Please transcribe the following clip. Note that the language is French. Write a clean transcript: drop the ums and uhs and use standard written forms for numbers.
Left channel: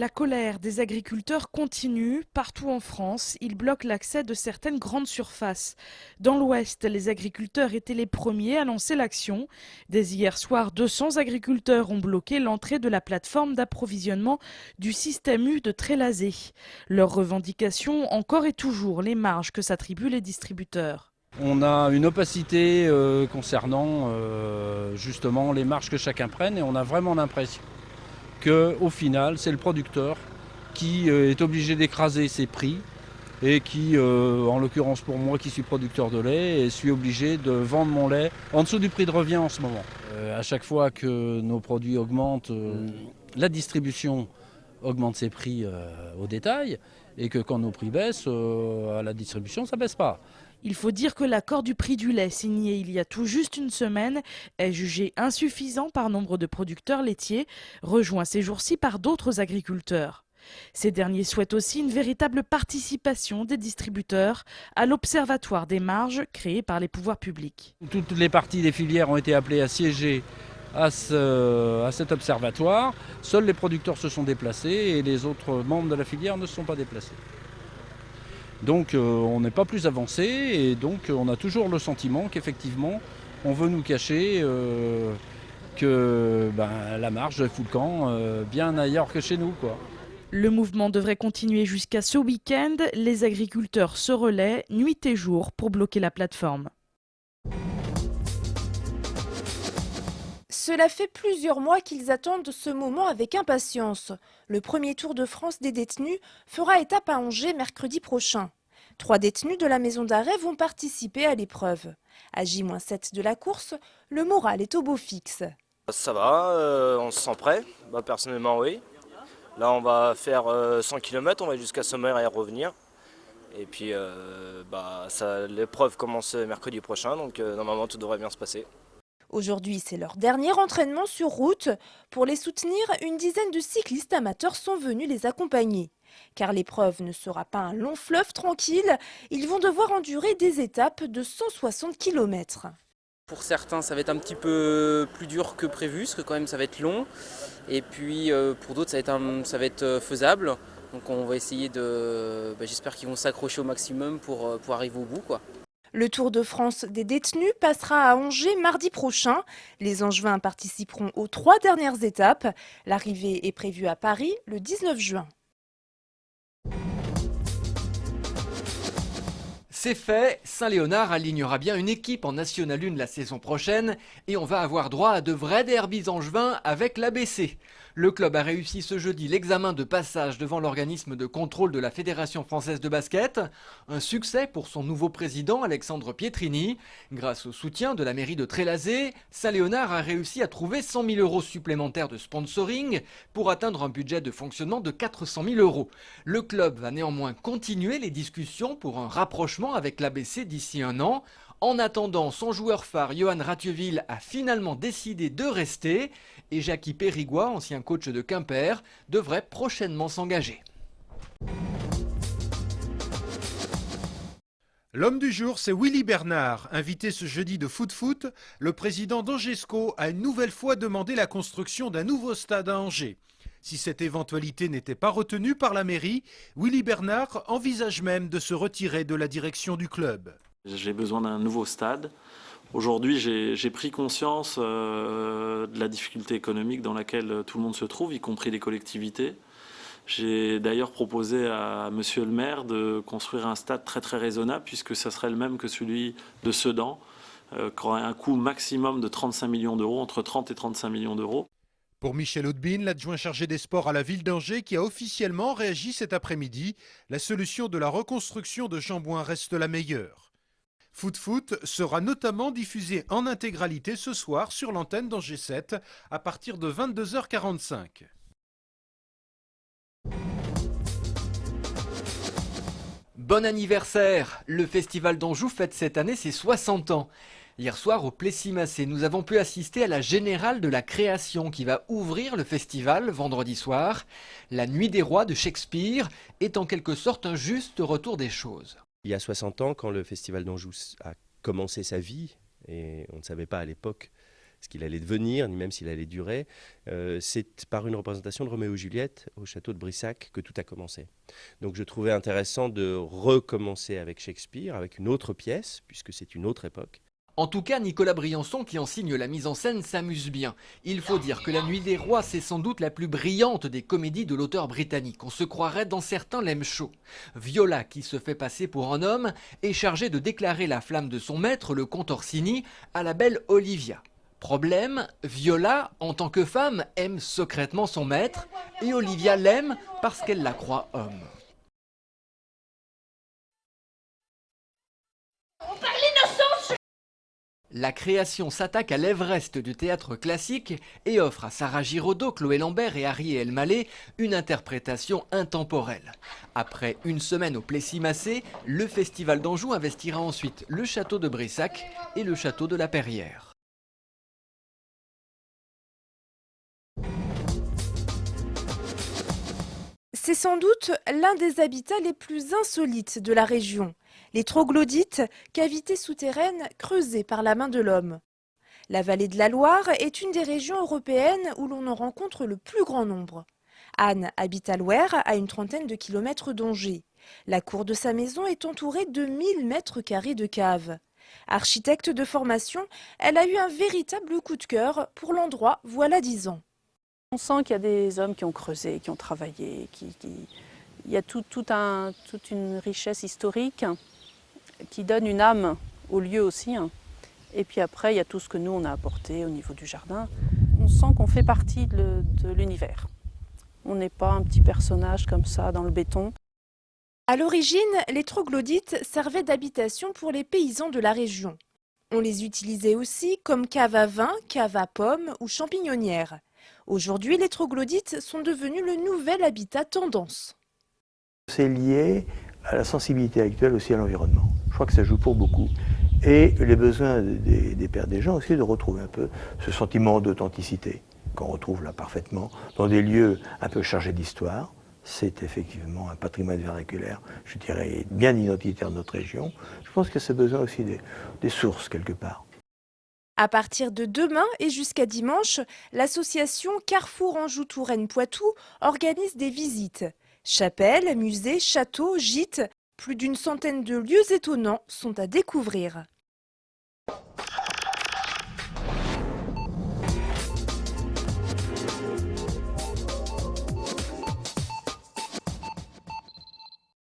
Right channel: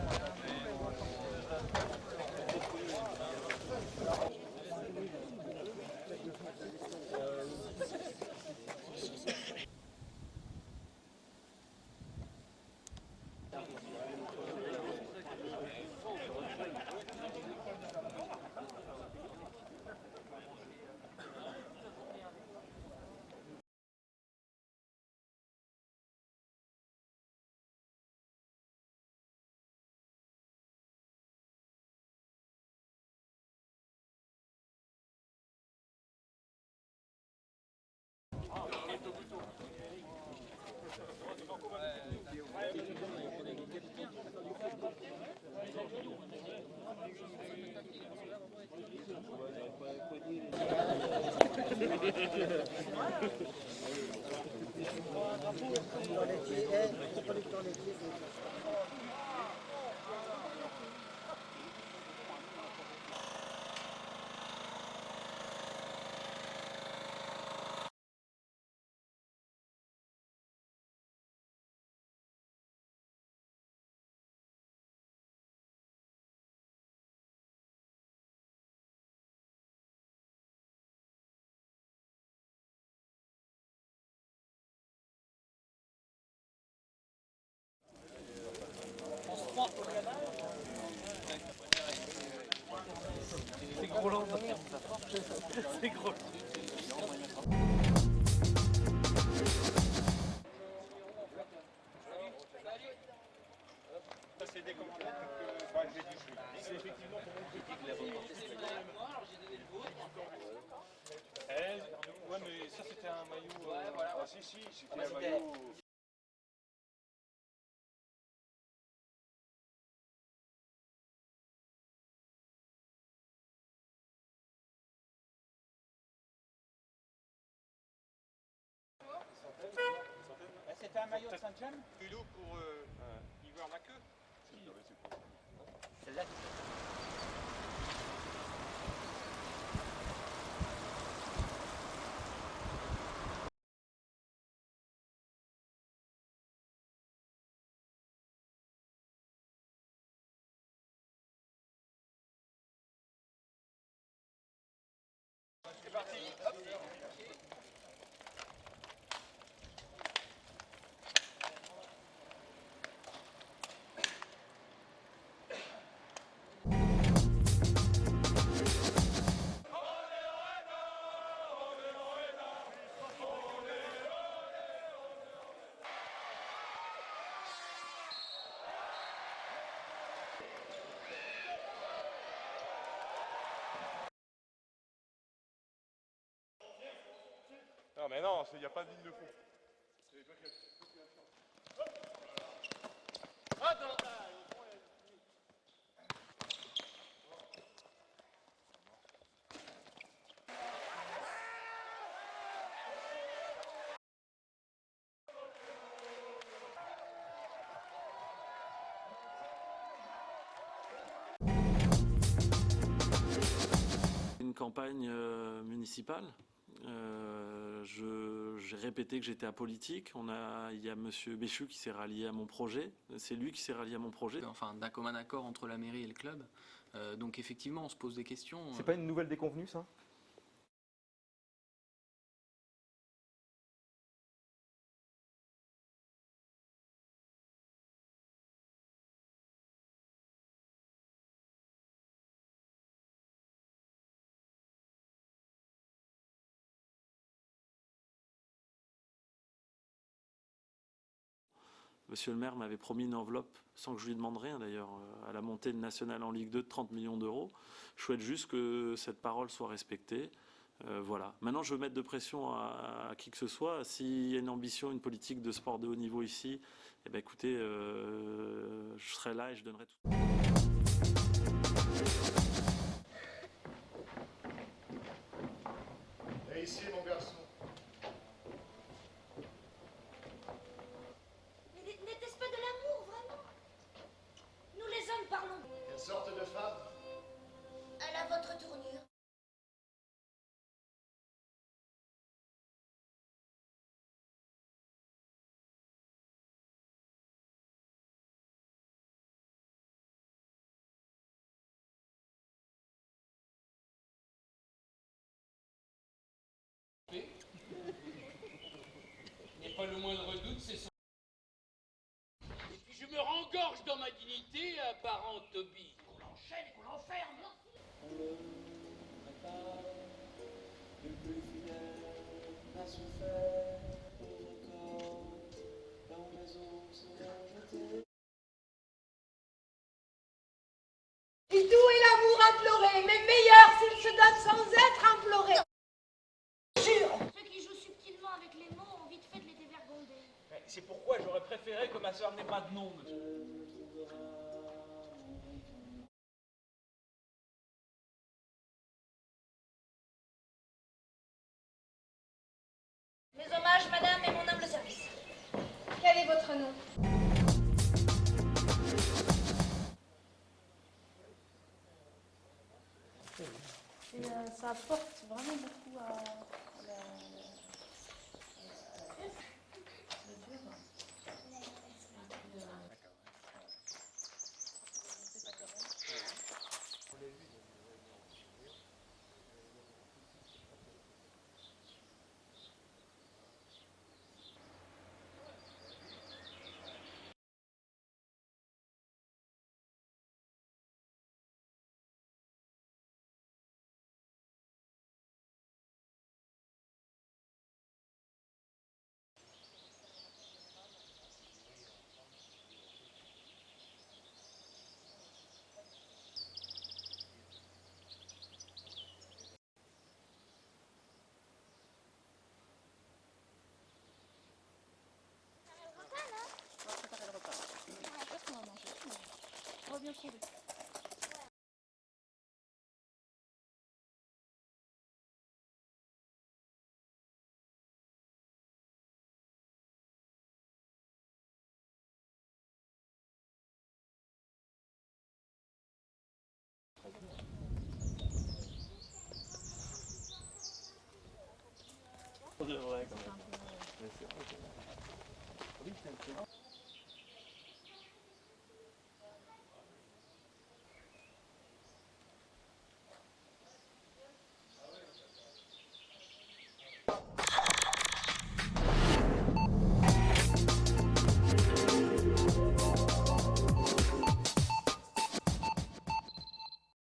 La colère des agriculteurs continue. Partout en France, ils bloquent l'accès de certaines grandes surfaces. Dans l'Ouest, les agriculteurs étaient les premiers à lancer l'action. Dès hier soir, 200 agriculteurs ont bloqué l'entrée de la plateforme d'approvisionnement du système U de Trélazé. Leur revendication, encore et toujours, les marges que s'attribuent les distributeurs. On a une opacité concernant justement les marges que chacun prenne et on a vraiment l'impression qu'au final, c'est le producteur qui est obligé d'écraser ses prix et qui, en l'occurrence pour moi qui suis producteur de lait, suis obligé de vendre mon lait en dessous du prix de revient en ce moment. À chaque fois que nos produits augmentent, la distribution augmente ses prix au détail et que quand nos prix baissent, à la distribution, ça ne baisse pas. Il faut dire que l'accord du prix du lait signé il y a tout juste une semaine est jugé insuffisant par nombre de producteurs laitiers, rejoint ces jours-ci par d'autres agriculteurs. Ces derniers souhaitent aussi une véritable participation des distributeurs à l'Observatoire des marges créé par les pouvoirs publics. Toutes les parties des filières ont été appelées à siéger à cet observatoire. Seuls les producteurs se sont déplacés et les autres membres de la filière ne se sont pas déplacés. Donc on n'est pas plus avancé et donc on a toujours le sentiment qu'effectivement on veut nous cacher que la marge fout le camp bien ailleurs que chez nous, quoi. Le mouvement devrait continuer jusqu'à ce week-end. Les agriculteurs se relaient nuit et jour pour bloquer la plateforme. Cela fait plusieurs mois qu'ils attendent ce moment avec impatience. Le premier Tour de France des détenus fera étape à Angers mercredi prochain. 3 détenus de la maison d'arrêt vont participer à l'épreuve. À J-7 de la course, le moral est au beau fixe. Ça va, on se sent prêt, personnellement oui. Là on va faire 100 km, on va jusqu'à Sommer et revenir. Et puis l'épreuve commence mercredi prochain, donc normalement tout devrait bien se passer. Aujourd'hui, c'est leur dernier entraînement sur route. Pour les soutenir, une dizaine de cyclistes amateurs sont venus les accompagner. Car l'épreuve ne sera pas un long fleuve tranquille, ils vont devoir endurer des étapes de 160 km. Pour certains, ça va être un petit peu plus dur que prévu, parce que quand même ça va être long. Et puis pour d'autres, ça va être faisable. Donc on va essayer de... j'espère qu'ils vont s'accrocher au maximum pour arriver au bout, quoi. Le Tour de France des détenus passera à Angers mardi prochain. Les Angevins participeront aux 3 dernières étapes. L'arrivée est prévue à Paris le 19 juin. C'est fait, Saint-Léonard alignera bien une équipe en National 1 la saison prochaine et on va avoir droit à de vrais derbys angevins avec l'ABC. Le club a réussi ce jeudi l'examen de passage devant l'organisme de contrôle de la Fédération française de basket. Un succès pour son nouveau président Alexandre Pietrini. Grâce au soutien de la mairie de Trélazé, Saint-Léonard a réussi à trouver 100 000 € supplémentaires de sponsoring pour atteindre un budget de fonctionnement de 400 000 €. Le club va néanmoins continuer les discussions pour un rapprochement avec l'ABC d'ici un an. En attendant, son joueur phare, Johan Rathieville, a finalement décidé de rester. Et Jackie Périgois, ancien coach de Quimper, devrait prochainement s'engager. L'homme du jour, c'est Willy Bernard. Invité ce jeudi de Foot Foot, le président d'Angesco a une nouvelle fois demandé la construction d'un nouveau stade à Angers. Si cette éventualité n'était pas retenue par la mairie, Willy Bernard envisage même de se retirer de la direction du club. J'ai besoin d'un nouveau stade. Aujourd'hui, j'ai pris conscience de la difficulté économique dans laquelle tout le monde se trouve, y compris les collectivités. J'ai d'ailleurs proposé à monsieur le maire de construire un stade très très raisonnable, puisque ça serait le même que celui de Sedan, qui aurait un coût maximum de 35 millions d'euros, entre 30 et 35 millions d'euros. Pour Michel Hautebine, l'adjoint chargé des sports à la ville d'Angers, qui a officiellement réagi cet après-midi, la solution de la reconstruction de Chambouin reste la meilleure. Foot Foot sera notamment diffusé en intégralité ce soir sur l'antenne d'Angers 7 à partir de 22h45. Bon anniversaire! Le Festival d'Anjou fête cette année ses 60 ans. Hier soir au Plessis-Massé, nous avons pu assister à la Générale de la Création qui va ouvrir le festival vendredi soir. La Nuit des Rois de Shakespeare est en quelque sorte un juste retour des choses. Il y a 60 ans, quand le Festival d'Anjou a commencé sa vie, et on ne savait pas à l'époque ce qu'il allait devenir, ni même s'il allait durer. C'est par une représentation de Roméo et Juliette au château de Brissac que tout a commencé. Donc je trouvais intéressant de recommencer avec Shakespeare, avec une autre pièce, puisque c'est une autre époque. En tout cas, Nicolas Briançon, qui en signe la mise en scène, s'amuse bien. Il faut dire que La Nuit des Rois, c'est sans doute la plus brillante des comédies de l'auteur britannique. On se croirait dans certains Lem Show. Viola, qui se fait passer pour un homme, est chargée de déclarer la flamme de son maître, le comte Orsini, à la belle Olivia. Problème, Viola, en tant que femme, aime secrètement son maître, et Olivia l'aime parce qu'elle la croit homme. Et d'où est l'amour imploré, mais meilleur s'il se donne sans être imploré. On parle l'innocence, je jure. La création s'attaque à l'Everest du théâtre classique et offre à Sarah Giraudot, Chloé Lambert et Harry Elmaleh une interprétation intemporelle. Après une semaine au Plessis-Massé, le Festival d'Anjou investira ensuite le château de Brissac et le château de la Perrière. Dommage, madame, et mon humble service. Quel est votre nom? C'est sans doute l'un des habitats les plus insolites de la région. Les troglodytes, cavités souterraines creusées par la main de l'homme. La vallée de la Loire est une des régions européennes où l'on en rencontre le plus grand nombre. Anne habite à Loire, à une trentaine de kilomètres d'Angers. La cour de sa maison est entourée de 1000 mètres carrés de caves. Architecte de formation, elle a eu un véritable coup de cœur pour l'endroit voilà 10 ans. On sent qu'il y a des hommes qui ont creusé, qui ont travaillé, il y a toute une richesse historique qui donne une âme au lieu aussi. Et puis après, il y a tout ce que nous, on a apporté au niveau du jardin. On sent qu'on fait partie de l'univers. On n'est pas un petit personnage comme ça dans le béton. À l'origine, les troglodytes servaient d'habitation pour les paysans de la région. On les utilisait aussi comme cave à vin, cave à pommes ou champignonnières. Aujourd'hui, les troglodytes sont devenus le nouvel habitat tendance. C'est lié à la sensibilité actuelle aussi à l'environnement. Je crois que ça joue pour beaucoup. Et les besoins des gens aussi de retrouver un peu ce sentiment d'authenticité qu'on retrouve là parfaitement dans des lieux un peu chargés d'histoire. C'est effectivement un patrimoine vernaculaire, je dirais, bien identitaire de notre région. Je pense que c'est besoin aussi des sources quelque part. À partir de demain et jusqu'à dimanche, l'association Carrefour Anjou-Touraine-Poitou organise des visites. Chapelles, musées, châteaux, gîtes, plus d'une centaine de lieux étonnants sont à découvrir.